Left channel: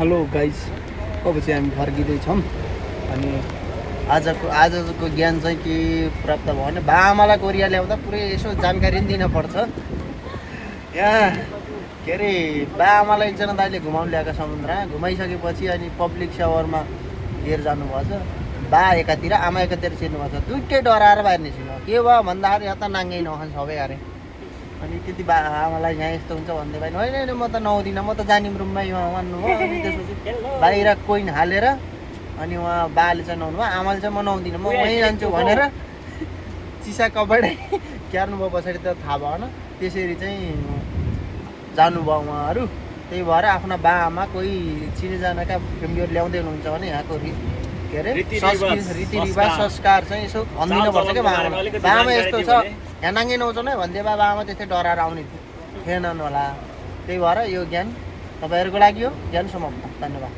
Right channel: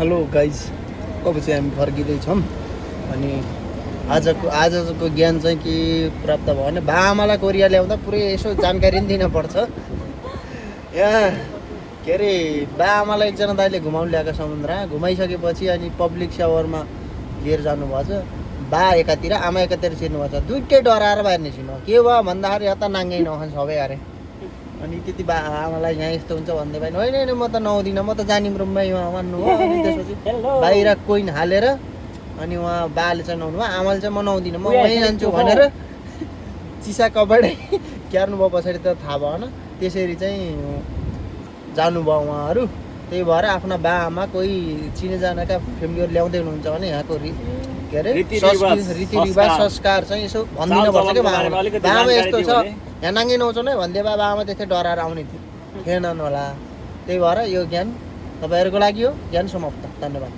Hello guys, अब चाहिँ हामी फर्किँदैछौँ अनि आजको ज्ञान चाहिँ के प्राप्त भयो भने बाआमालाई कोरिया ल्याउँदा पुरै यसो जानकारी पनि दिनुपर्छ। यहाँ के अरे बाआमालाई एकजना दाइले घुमाउनु ल्याएको समुद्र घुमाइसकेपछि अनि पब्लिक सावरमा लिएर जानुभएको छ। बा एकातिर आमा एकातिर छिर्नुभएको छ। दुइटै डराएर बाहिर निस्किनु के भयो भन्दाखेरि यता नाङ्गै नखान्छ सबै अरे। अनि त्यति बा आमालाई यहाँ यस्तो हुन्छ भन्दै भाइ होइन होइन म त नआउँदिनँ, म त जानिम रुममै मान्नुभयो। अनि त्यसपछि बाहिर कोइन हालेर अनि उहाँ बाले चाहिँ नआउनु भयो, आमाले चाहिँ म नआउँदिनँ म वहीँ जान्छु भनेर चिसा कपडै क्यार्नुभयो। पछाडि त थाहा भएन, त्यसरी चाहिँ जानुभयो उहाँहरू। त्यही भएर आफ्ना बा आमा कोही चिनेजानाका फ्यामिलीहरू ल्याउँदै हुनुहुन्छ भने यहाँको के अरे रीतिरिवाज संस्कार चाहिँ यसो भनिदिनुपर्छ क्या बाआमा यस्तो छ यहाँ नाङ्गे नआउँछौ नै भन्दै बाआमा त्यस्तै डराएर आउने थिएनन् होला। त्यही भएर यो ज्ञान तपाईँहरूको लागि हो। ज्ञान समाप्त। धन्यवाद।